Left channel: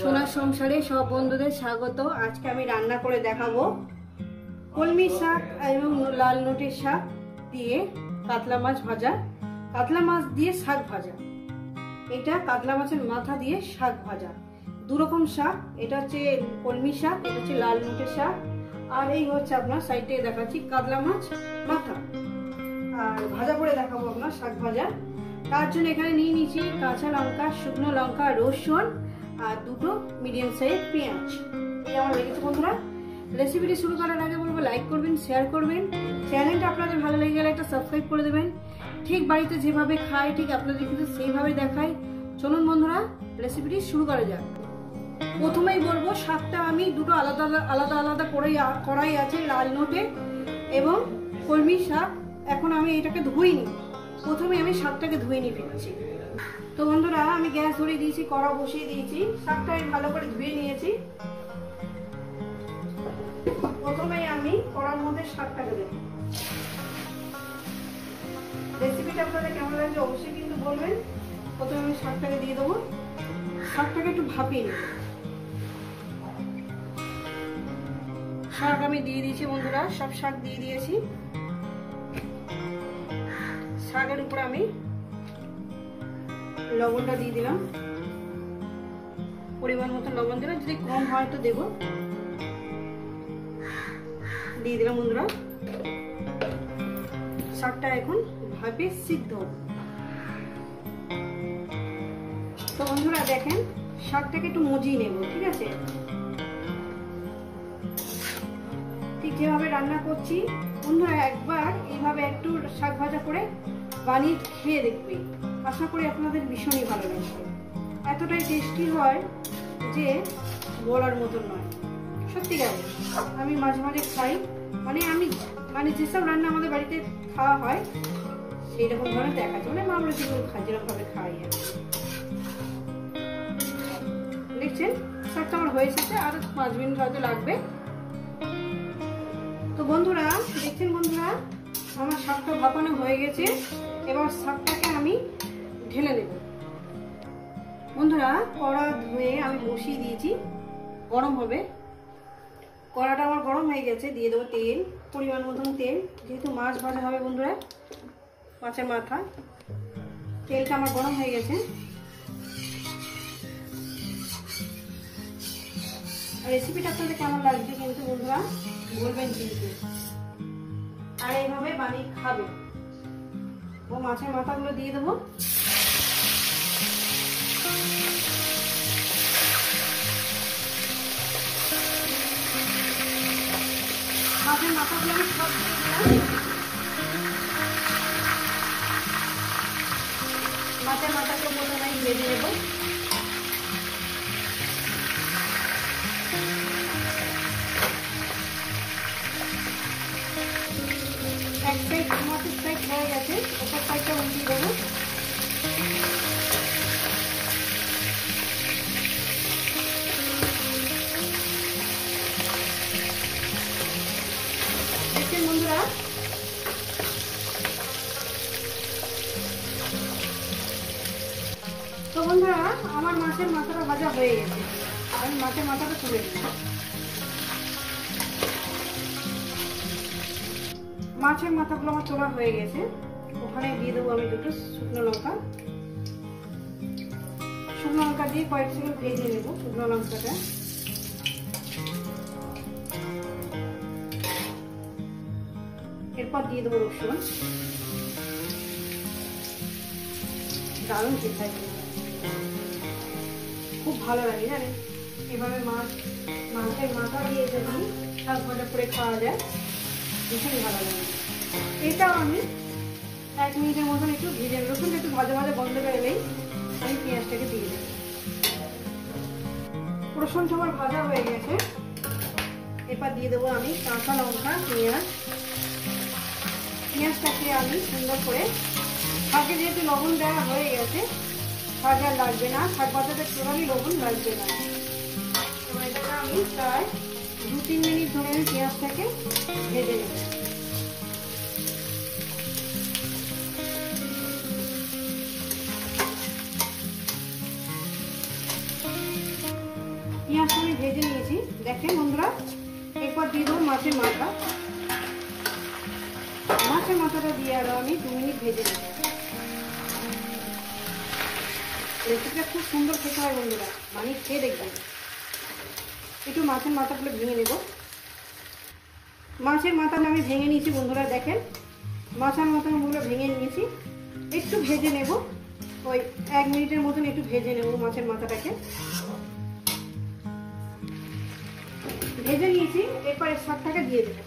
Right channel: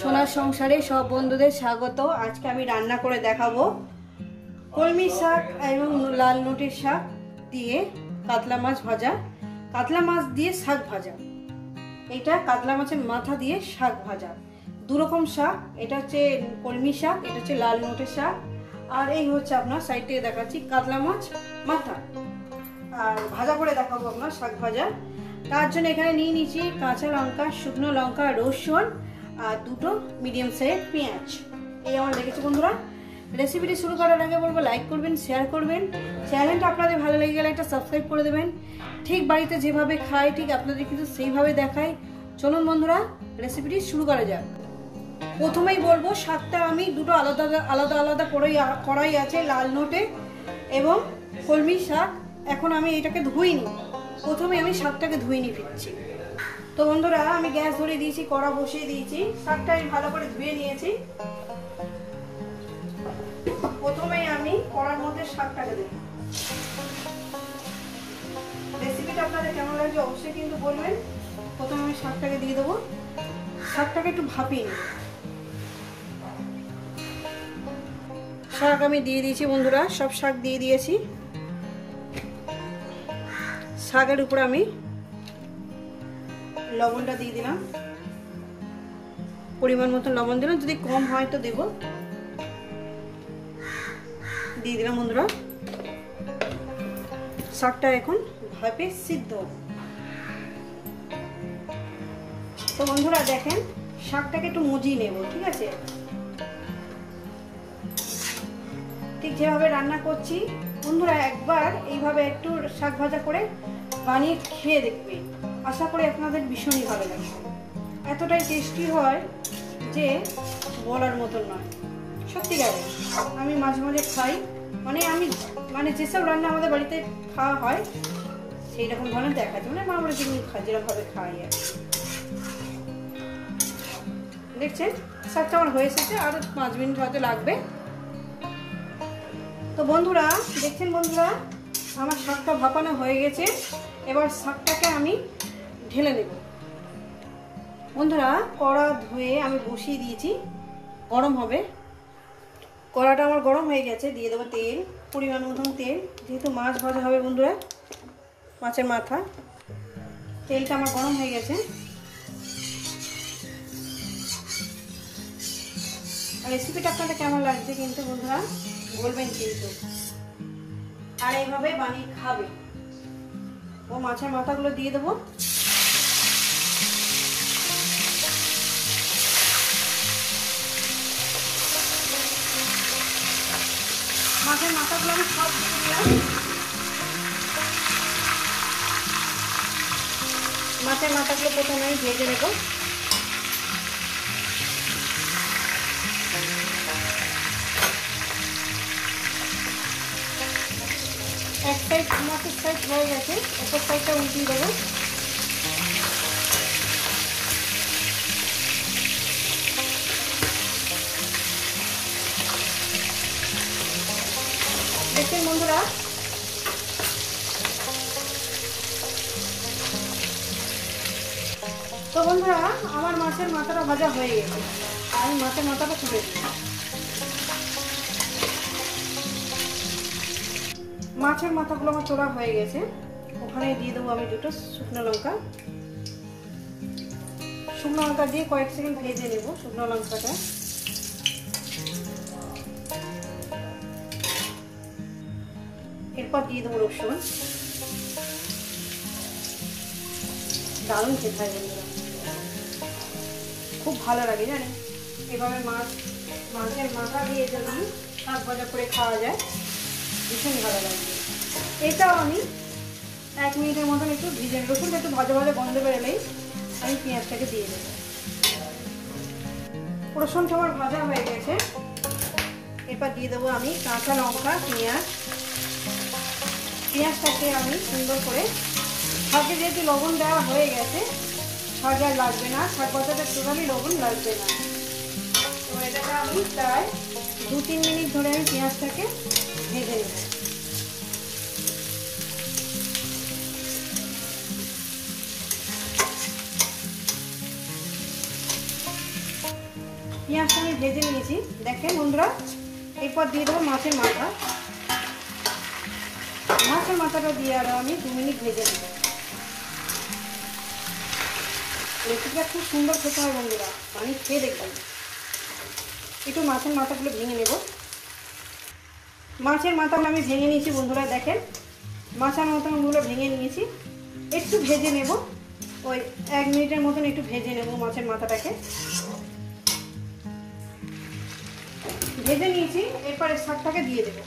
সোনার সংসারে সব বন্ধুদের স্বাগত। আজকে আমি রান্না করে দেখাবো কলমি শাক এবং লাল নোটের শাক দিয়ে কাতলা মাছ ভাজা, কাতলা মাছ দিয়ে শাক ভাজা। এটা কাতলা মাছের মাথা দিয়ে শাক ভাজা, দুরকম শাক। এটা হচ্ছে কলমি শাক, এটা হচ্ছে লাল নোটের শাক, আর এই হচ্ছে আপনার সাইড থেকে দেখাচ্ছি কাতলা মাছ মাথা। আর ভাজা করে দেখাবো আপনার শাক ভাজা। তার জন্য এখানে নিয়ে নিচ্ছি কাঁচা লঙ্কা, শুকনো লঙ্কা, রসুন আর দুটো মিডিয়াম সাইজ পেঁয়াজ। এই আমার দেখেছি বন্ধুরা। রেসিপিটি শুরু করার আগে বলবো লাইক করবেন, শেয়ার করবেন, চ্যানেলটা আপনাদের ভালো লেগে গেলে একটা সাবস্ক্রাইব করে দেবেন। ঠিক বাড়িতে যেভাবে খাই ঠিক আপনাদের কিন্তু সেইভাবে দেখাই। চলুন বন্ধুরা রেসিপিটি শুরু করা যাক। প্রথমেই বলবো শাকটা আমি দুটো আলাদা আলাদা আলাদা কড়াই আছে, লাল নোটে এবং কলমি শাক। এখন আমি এটাকে ধুইনি, প্রথমে আমি শাকটাকে ধুয়ে নিয়ে ফিরছি। তো বন্ধুরা আমি গ্যাস ধরিয়ে দিয়েছি, কড়া বসিয়ে দিয়েছি, শাকটা আমি ভালো করে ধুয়ে নিয়েছি। প্রথমে আমি কড়ার মধ্যে শাকটাকে দেব। রেসিপিটা আপনাদের কেমন লাগবে অবশ্যই কিন্তু বলবেন। প্রথমে আমি শাকটাকে দিয়ে দেবো, শাকটাকে একটু ভাপিয়ে নেব। শাক আমি দিয়ে দিয়েছি বন্ধুরা, সব শাক দিয়ে দিয়েছি। শাকের উপরে আমি লবণটা দিয়ে দিলাম, পরিমাণ মতো লবণ দিলাম, যদি কম হয় তো দেব। দিয়ে দিলাম বন্ধুরা। শাকটা এখন ভাপে সিদ্ধ। তো বন্ধুরা দেখেন শাকটাকে একটু মজিয়ে নেব, ঠিক আছে? ঠিক যেভাবে রান্না করছি বন্ধুরা একবার এইভাবে একটু শাক ভাজা করে বানিয়ে খেয়ে দেখবে, আশা করি আপনাদের ভীষণই ভালো লাগবে। এতটাই টেস্টি হয় যে বলার মতন নয়, সত্যিকারে। আমি মাঝে মাঝে খাই, আমি যেসব রান্না আমাদের বাড়িতে খাওয়া হয় সেই রকম ধরনের দেখা যায়, আমরা যেগুলো যেরকম ভাবে খাই আর দেখছেন শাকটা আমার হয়ে এসেছে, আর 5 মিনিট হয়তো লাগবে। তো বন্ধুরা দেখছেন বন্ধুরা আমার শাকটা ভাপানো হয়ে গেছে। এবার শাকটাকে আমি ঢেলে নেব। বন্ধুরা কড়া ধুয়ে আমি বসিয়ে দিয়েছি, গরম হবে। কড়াটা আমার গরম হয়ে গেছে, দিয়ে দেবো তেল, পরিমাণ মতন তেল। যেহেতু মাছ ভাজা হবে বন্ধুরা, মাছের মাথা, তেলটা আমার গরম হয়ে গেছে। রেসিপিটা আপনাদের কেমন লাগছে কিন্তু বন্ধুরা বলবেন কিন্তু, আর এইভাবে বানিয়ে খাবে। ও মাছের মাথাগুলো দিয়ে দেবো। মাছের মাথাগুলো আমি সব দিয়ে দিলাম। মাছের মাথাকে প্রথমে ভেজে নেব। এক সাইড মাছের সাইড হয়ে গেছে, একটা সাইডটা উল্টিয়ে দেবো। দেখছেন বন্ধুরা তো বন্ধুরা আমার মাছের মাথাটা ভাজা হয়ে গেছে, আমি মাছের মাথাটা তুলে দিচ্ছি। মাছের মাথাগুলো আমার তোলা হয়ে গেছে, ওখানে দিয়ে দেবো আমি দুটো শুকনো লঙ্কা। শুকনো লঙ্কা দিয়ে কয়েক সেকেন্ড ভেজে নেব শুকনো লঙ্কাটা। এরপর দিয়ে দেবো রসুন। দারুণ খেতে হবে, খুব ভালো লাগে জানেন। এভাবে মাছের মাথা দিয়ে যদি শাক ভাজা করে খাওয়া যায় ভীষণ ভালো লাগে। এটাও আমি 1 মিনিটের মতন একটু ভেজে, রসুনটা একটু ভাজা ভাজা গন্ধ বেরোলেই আমি পেঁয়াজটাকে দিয়ে দেবো। রসুনটা আমার ভাজা হয়ে গেছে, এরপর দিয়ে দেবো আমি কাঁচা লঙ্কা, পেঁয়াজটাকে আমি সুন্দর করে, শাকে যেহেতু লবণ দেওয়া হয়ে গেছে শাক আর লাগবে না, শাক ভাজাটা পুরোই লবণ লাগবে না। এবার এটাকে আমি প্রায় 2-3 মিনিট ধরে আমি পেঁয়াজটাকে ভেজে নেব। পেঁয়াজটা আমি ভেজে নিয়েছি দেখেন বন্ধুরা। এরপর দিয়ে দেবো মাছের মাথা। মাছের মাথাটা দিয়ে আরো আমি 2 মিনিট ভেজে নেব। রেসিপিটা খুব সুন্দর খেতে হয় বন্ধুরা, বানিয়ে খেয়ে দেখবেন। একটু মাছের মাথাগুলো ভেঙে নেব। মাছের মাথা আমি ভেঙে নিয়েছি বন্ধুরা, দেখেন মাছের মাথাগুলো ভেঙে নিয়েছি। একটু ভেজে নেব, ওই 1 মিনিটের মতন একটু ভেজে নেব মাছের মাথাটাকে। ভেজে নিয়েছি, এরপরে শাকটাকে দিয়ে দেবো।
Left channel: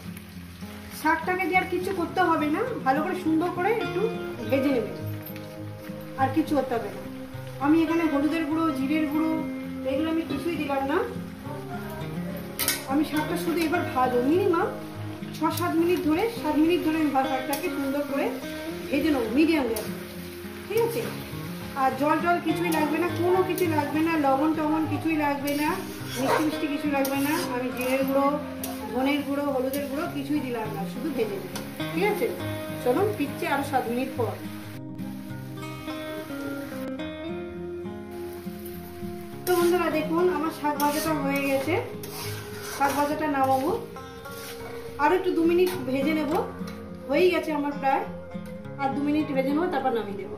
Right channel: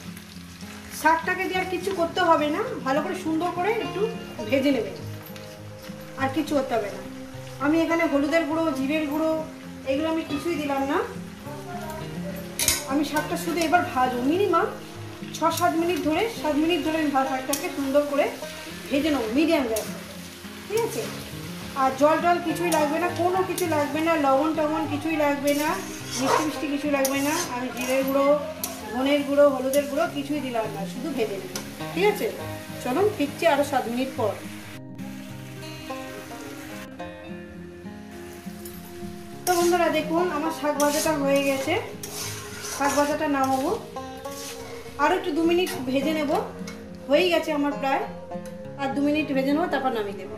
শাকটাকে দিয়ে আর কিছু করতে হবে না, ভালো করে সুন্দর করে একটু ভেজে নেবেন, আর কিছু করতে হবে না। আমি এখানে হলুদের গুঁড়ো, জিরের গুঁড়ো এগুলো আমি কিছুই দিলাম না। আমি শাকটা শুধু এবার ভাজবো মিনিমাম 6-7 মিনিট ধরে, 7 মিনিট ধরে আমি শাকটাকে সুন্দর করে ভেজে নেবো মিডিয়াম গ্যাসে, ঠিক আছে। আর জল টল কিছুই লাগবে না, কোনো কিছু লাগবে না, লবণ টবণ কিছুই লাগবে না, মিষ্টি মিষ্টি কিছু লাগবে না। আমি জিরের গুঁড়ো, ধনের গুঁড়ো, হলুদের গুঁড়ো কিছুই দিলাম না, শুধু ভেজে নেব, ঠিক আছে। চলুন ফিরছি আরো 7 মিনিট পর। তো বন্ধুরা দেখুন আমার শাক ভাজাটা হয়ে গেছে। শাক ভাজাটা নামাবো, আরো একটু 2 মিনিট ভেজে নেব। হয়ে গেছে আমার প্রায়, আর 2 মিনিট ভেজে নেবো, তারপর নামিয়ে দেবো।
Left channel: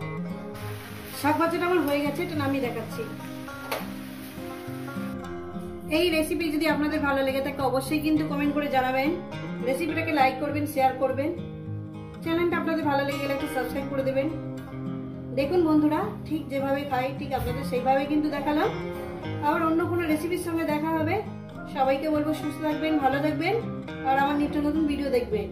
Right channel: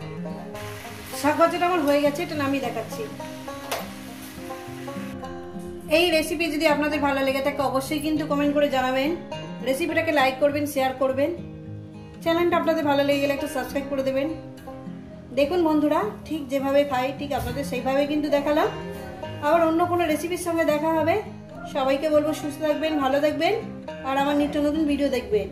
শাক ভাজাটা আমার হয়ে গেছে, এটা নামিয়ে দেখাচ্ছি। এই রেসিপি যদি আপনাদের ভালো লেগে থাকে অবশ্যই কিন্তু কমেন্ট করে জানাবেন। রেসিপিটাকে লাইক করবেন, শেয়ার করবেন। চ্যানেলটা আপনাদের ভালো লেগে গেলে একটা সাবস্ক্রাইব করে দেবেন। দেখুন বন্ধুরা, ঠিক যেভাবে খাই ঠিক আপনাদের সেইভাবে কিন্তু দেখালাম। আবার অন্য কোনো রেসিপির সঙ্গে দেখা হবে। সবাইকে বলবো সুস্থ থাকবেন, ভালো থাকবেন, আর আমার নিত্য নতুন ভিডিও দেখবেন।